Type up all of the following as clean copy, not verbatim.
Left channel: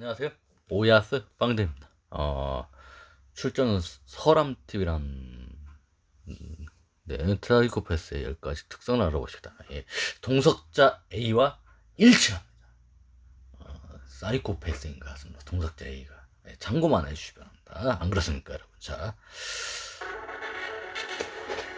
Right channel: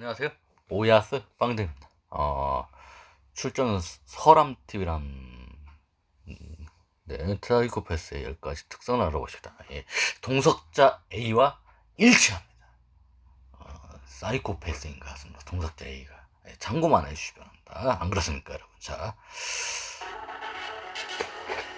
안녕하세요. 오야스 빵대입니다. 출전은 서람TV란, 네, 트라이코패스의 10가지 특성을 알아보십니다. 예, 동석자 A와 일치합니다. 사이코패스인 것 같습니다. 동석자 A가. 예, 참고만 해주시기 바랍니다. 안 그렇습니까, 여러분? 자,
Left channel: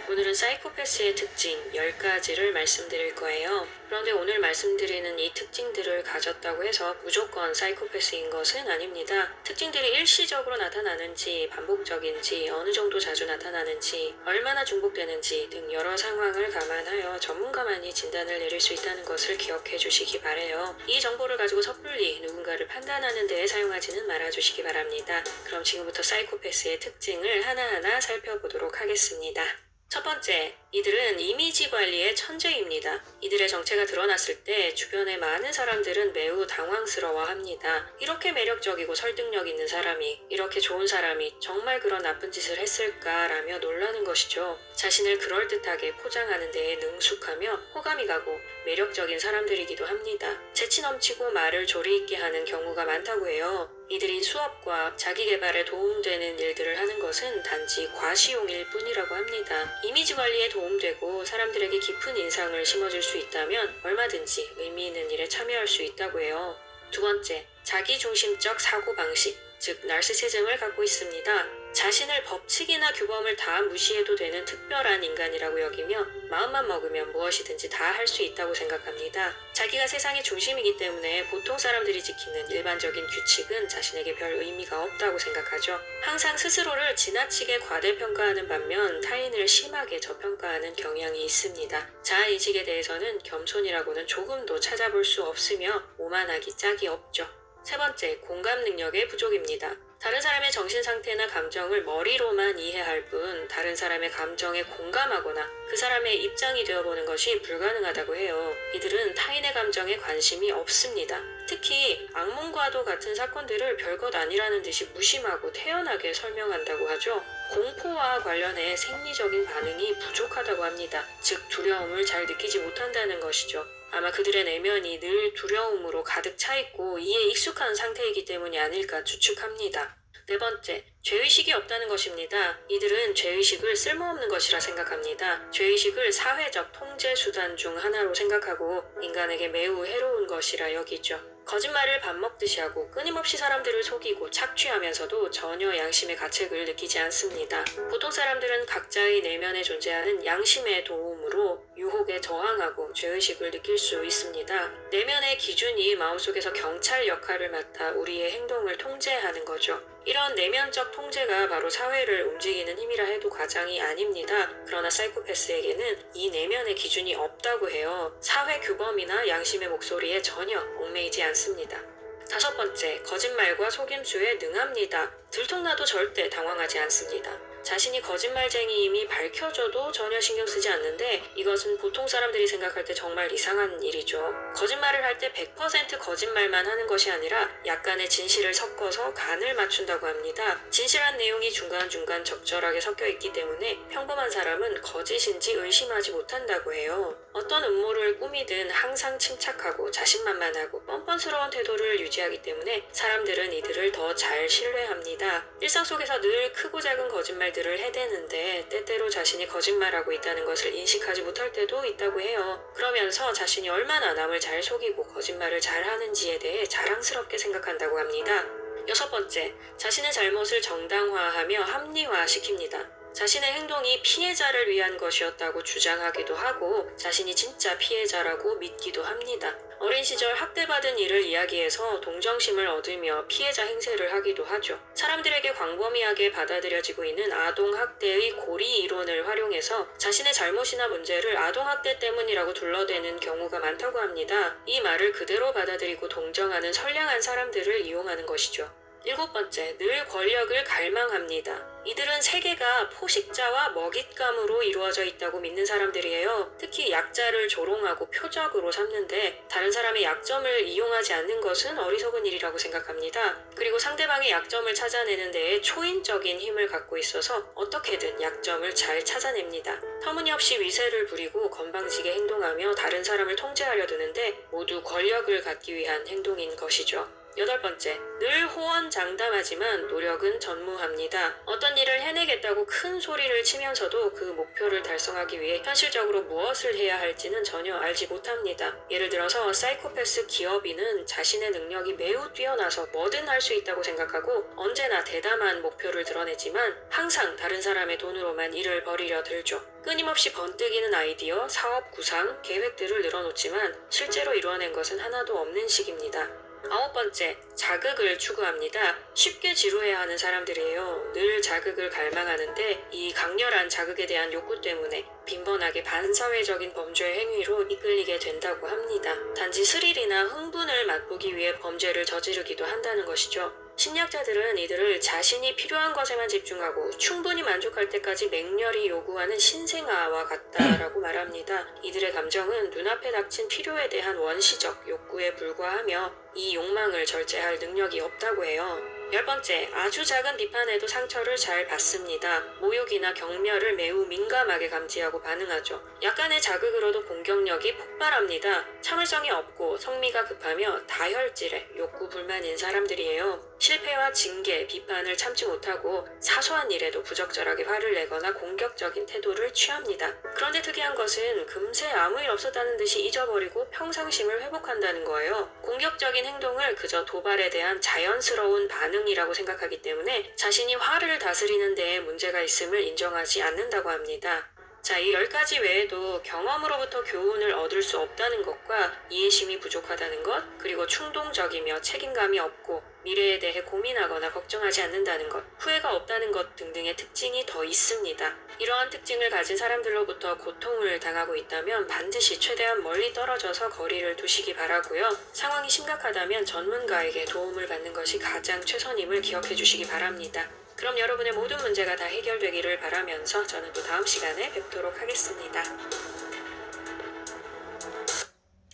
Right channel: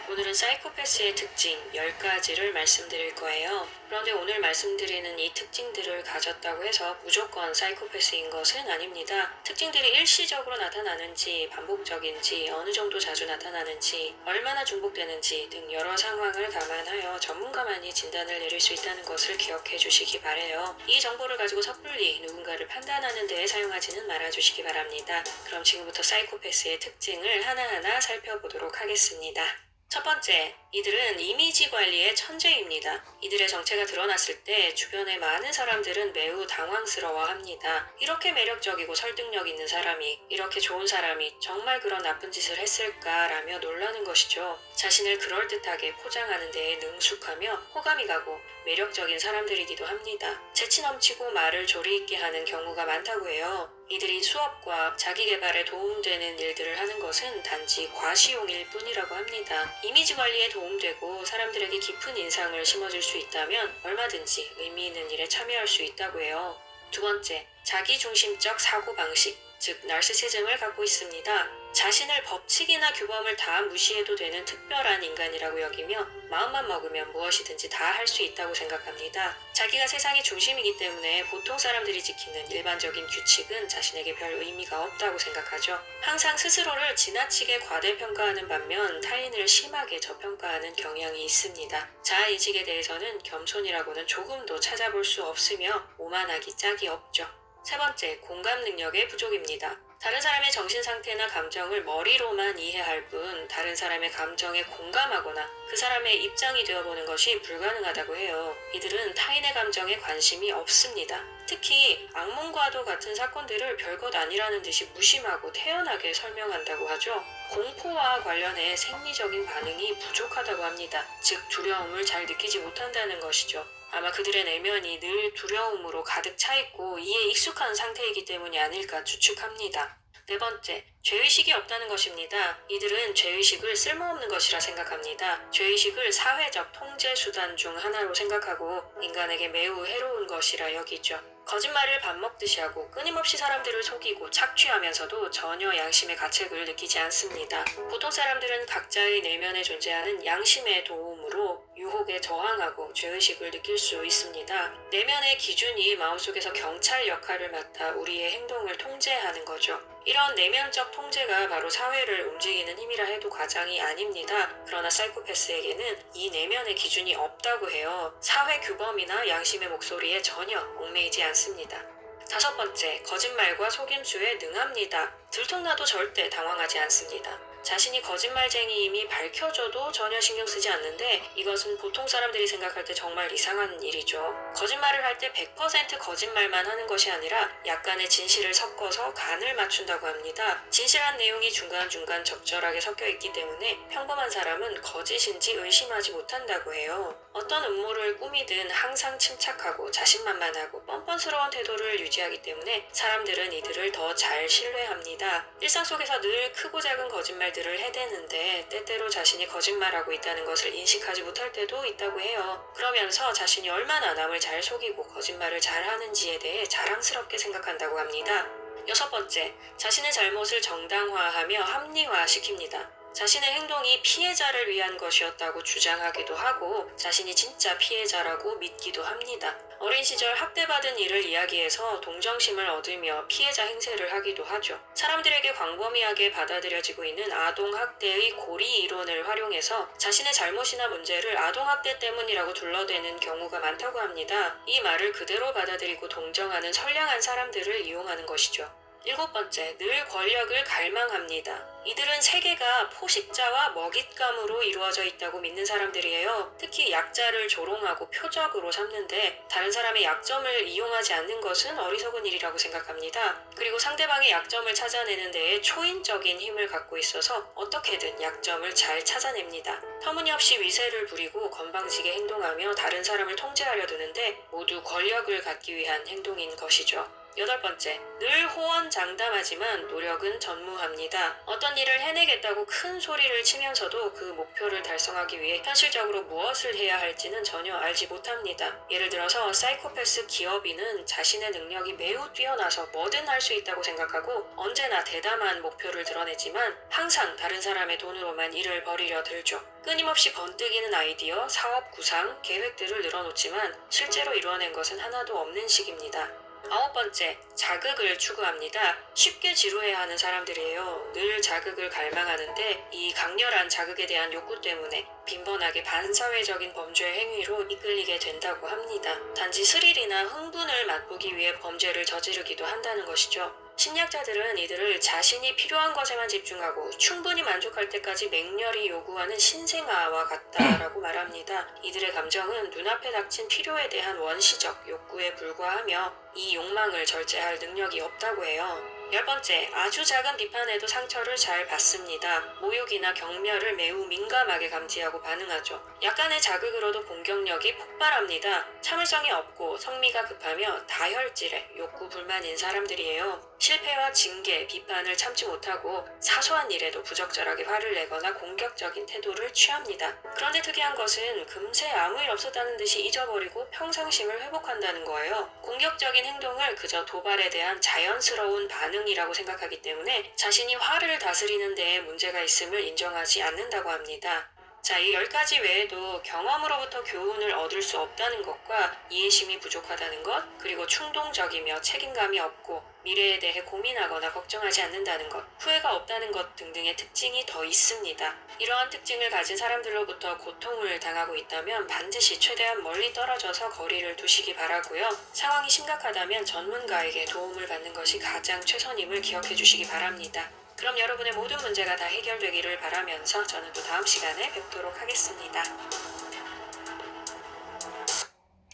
오늘은 사이코패스의 특징 10가지를 말씀드릴 거예요. 그런데 오늘 말씀드리는 이 특징들을 가졌다고 해서 무조건 사이코패스인 것은 아닙니다. 특징들이 일시적으로 나타나는지, 반복적인지, 어느 정도 자주 나타나는지, 얼마나 중복되는지 등 여러 상황을 감안하여 전문가만이 진단을 내릴 수 있다는 것을 기억해 주시기 바래요. 이 정보를 가지고 섣불리 누군가를 판단하는 데에 사용하지는 말아주시기 바랍니다. 그럼 지금부터 사이코패스의 특징을 하나하나 살펴보도록 하겠습니다. 첫 번째, 이들은 이미지 관리의 천재입니다. 이들의 정체가 드러났을 때 주변의 많은 사람들은 매우 당황스러워합니다. 이렇게 매력적이고 설득력 있는 사람이, 이렇게 좋은 사람이 정말 그런 나쁜 짓을 했을까라며 놀라는 것이죠. 자신을 그럴듯하게 포장하는 데에 능숙하며 호감이 가고 매력적인 사람들이기도 합니다. 재치 넘치고 말을 조리 있게 하는 경우가 많다고 해요. 이들이 수업과 자기개발에 도움되는 일들을 하는 것은 단지 과시용일 뿐이라고 합니다. 이미지 관리에 도움되고 사람들에게 깊은 인상을 심어줄 수 있다면 얼마든지 의미 있는 일에 참여할 수 있다고 해요. 두 번째, 자기중심적 사고방식, 즉 나르시시즘을 갖고 있습니다. 자신을 법칙이나 규범을 다 무시해도 되는 특별한 인간이라고 여기며 마음만 먹으면 무엇이든지 다 할 수 있다고 생각합니다. 자기가 세상의 중심이기 때문에 보통 사람들이 지키는 일반적인 규칙은 자신에게 별 의미가 없다고 생각하죠. 항상 스스로를 지나치게 과대평가하는 반면 타인을 심하게 저평가하는 경향이 있습니다. 자아인식에 대해서는 겸손이라고는 조금도 찾아볼 수 없으며 오만하기 짝이 없죠. 세 번째, 공감 능력의 부족입니다. 다른 사람의 정신 상태나 감정을 머리로만 이해할 뿐 다른 사람의 감정에 공감하거나 그 사람의 입장이 되어보는 것이 불가능하다고 해요. 이들은 타인의 감정에 관심이 없습니다. 특히 악몽과도 같은 사건들을 별것 아니라는 듯이 무심하고 태연하게 설명한다고 하죠. 공포와 관련해 생리적인 반응이 부족하다고 합니다. 즉 두려움을 잘 느끼지 못한다는 것이죠. 아마 그들의 내면이 늘 두려움으로 가득 차 있고 이에 익숙한 상태이기 때문이 아닐까 추측합니다. 네 번째, 죄의식이 없다는 것입니다. 이들은 죄의식을 쓸모없는 것이라 생각합니다. 죄의식을 사회적 통제 수단 중 하나로 생각하고 인간에게 매우 해로운 것이라 여기죠. 거짓말을 밥 먹듯이 하고 끊임없이 사람들을 속이고 착취하면서도 전혀 양심의 가책을 느끼지 않습니다. 보통 사람들은 각자의 내면에 존재하는 양심의 도움으로 유혹에 저항하고 죄의식을 느낄 수 있습니다. 내면의 기준이 마음속에서 경찰 역할을 맡아 우리의 행동을 통제하는 거죠. 이런 내면적 통제가 바로 사회를 움직이는 힘이라 해도 과장이 아닙니다. 그러나 사이코패스에게는 이 내면의 기준이 없다고 해요. 사회 규범이나 양심의 목소리에 전혀 얽매이지 않습니다. 다섯 번째, 거짓말과 속임수에 능합니다. 들통나도 절대 당황하지 않습니다. 자신이 거짓말쟁이임이 밝혀져도 전혀 신경 쓰지 않는데 이것은 보통 사람들이 생각할 때 정말 이상한 일이죠. 거짓말을 할 때 100% 거짓말만 하는 것이 아니라 약간의 진실을 섞어서 간을 맞춘다고 합니다. 진실한 내용이 중간중간 적절하게 섞여 있기 때문에 평범한 사람은 거짓인지 의심하지 못한다고 해요. 어떤 음모를 꾸미든 항상 침착하고 자신만만하고 뻔뻔스러운 태도를 유지하기 때문에 사람들은 이들을 더 잘 신뢰합니다. 일상 속에서 늘 크고 작은 거짓말들을 해대는데 때때로 자신이 거짓말하고 있다는 것을 인식하지 못할 때도 있다고 해요. 그러면서 자신이 얼마나 남을 잘 속이고 거짓말을 잘하는지에 대해 자랑스럽게 생각한다고 합니다. 여섯 번째, 자신의 잘못을 정당화하며 합리화시킵니다. 자신의 행동이 피해자를 위한 것이었다고 주장하기도 하고 자신이 진짜 피해자라고 믿기도 합니다. 어린 시절 학대받은 일을 이야기해서 동정심을 얻으며 피해자 행세를 하기도 하죠. 사람들에게 광범위하게 받아들여지고 있는 아동학대의 고리 이론을 활용해서 자신의 잘못이나 문제를 아동학대 때문이라고 둘러대는 경우가 많다고 합니다. 이 말을 그대로 받아들이고 동정하는 선량한 사람들을 이용하는 것이죠. 일곱 번째, 늘 권력을 갈망합니다. 이들은 세계가 포식자와 먹잇감으로 이루어져 있다고 믿는 사람들이에요. 특히 약자를 조롱하고 표적으로 삼는데 다른 사람의 약점을 이용하지 않는 것은 어리석은 일이라고 생각합니다. 그리고 상대방의 약점을 찾아내는 데에 초인적인 힘을 갖고 있어서 어떻게든 약점을 잘 찾아냅니다. 터무니없이 위세를 부리고 건방지게 행동하며 다른 사람을 통제하려 드는데 모두 권력을 갖기 위한 행동인 것이죠. 8번째, 늘 호언장담하지만 노력은 전무합니다. 어떤 일을 해내겠다고 큰 소리를 치면서도 그 목표를 달성하기 위해 현실적으로 무엇을 해야 할지는 전혀 알지 못합니다. 예를 들어서 사이코패스 기업인은 자신의 능력이 매우 뛰어나서 뭐든 할 수 있다고 생각하고 언제나 대담한 목표를 드러내지만 항상 다른 사람의 돈으로만 일을 벌이려 들죠. 끊임없이 번뜩이는 아이디어, 사업 구상, 계획들을 늘어놓지만 실제로 이루어낸 것은 하나도 없는 식입니다. 9번째, 자극을 추구합니다. 쉽게 지루해하는 사람들이에요. 늘 자극을 갈망하는데 이 강렬한 자극에 대한 욕구 때문에 빈번하게 반사회적인 범죄 행위로 이끌리게 된다고 합니다. 단지 스릴이나 흥분을 맛보기 위해 범죄를 저지르기도 한다는 것이죠. 심리학자들은 이들을 자신이 필요한 것에만 집중하고 충분히 만족할 때까지 맹렬히 요구하는 신생아와 같다라고 말합니다. 이들의 감정은 눈앞에 닥친 필요에 대한 원시적 욕구에 불과하며 이 욕망을 절제할 능력이 없다고 해요. 10번째, 아주 작은 비판에도 상처를 잘 받습니다. 모욕이나 경멸을 매우 민감하게 감지하고 반응하죠. 약간의 자극으로도 공격력이 폭발합니다. 참을성이 없고 성미가 급하며 다혈질의 욕구 불만인 사람들이에요. 실패와 징계, 비판을 참지 못하고 사소한 일에도 부적절하게 화를 내거나 공격적인 태도를 취합니다. 그런데 특이한 것은 금세 아무 일 없었다는 듯이 잊어버리고 평상심을 회복한다는 거예요. 공격적인 행동을 그저 도발에 대한 자연스러운 반응이라고 생각하기 때문에 자신이 화를 다스리는 데에 문제가 있음을 인정하지 않는다고 합니다. 자, 이 10가지 외에도 경험으로부터 교훈을 얻을 수 없다는 것과 이해심이 부족하다는 것, 그리고 충동적이며 책임감이 없고 미래에 대해 고민하거나 걱정하지 않는다는 것, 후회가 없다는 것 등등의 특징이 더 있습니다. 이러한 특징을 가진 사람들로부터 고통을 당하고 있다면 반드시 최대한 멀리 떨어져서 거리를 두시기 바라고요. 상황이 심각하다면 전문가에게 도움을 받는 것이 가장 최선임을 기억해 주시기 바랍니다. 그럼 여러분의 모든 문제가 다 해결되기를 바라면서 저는 또 다음 시간에 뵙도록 하겠습니다.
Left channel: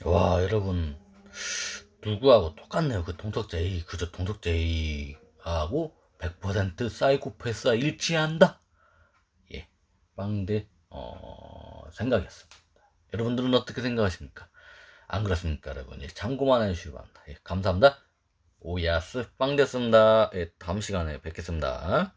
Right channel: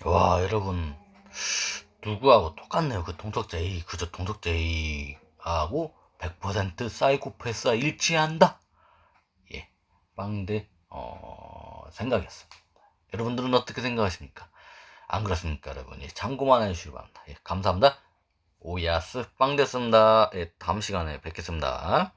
와, 여러분, 누구하고 똑같네요. 그 동석자 A, 그저 동석자 A하고 100% 사이코패스와 일치한다. 예, 빵대 생각이었습니다. 여러분들은 어떻게 생각하십니까? 안 그렇습니까, 여러분? 예, 참고만 해주시기 바랍니다. 예, 감사합니다. 오야스 빵 됐습니다. 예, 다음 시간에 뵙겠습니다.